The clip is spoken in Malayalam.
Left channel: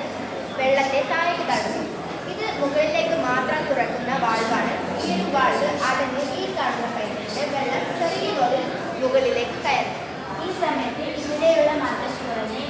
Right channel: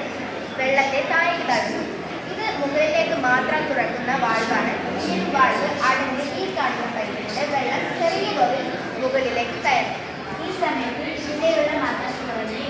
എന്നത് വെള്ളത്തെ താഴേക്ക് തള്ളുന്നു. ഇത് മുകളിലേക്ക് മാത്രം തുറക്കുന്ന വാൾവാണ്. ഈ വാൾവ് അടഞ്ഞ് ഈ കാണുന്ന പൈപ്പിലൂടെ വെള്ളം ചെറിയ തോതിൽ മുകളിലേക്ക് കയറും. ഈ സമയത്ത് ഇവിടെയുള്ള മർദ്ദം കുറഞ്ഞ്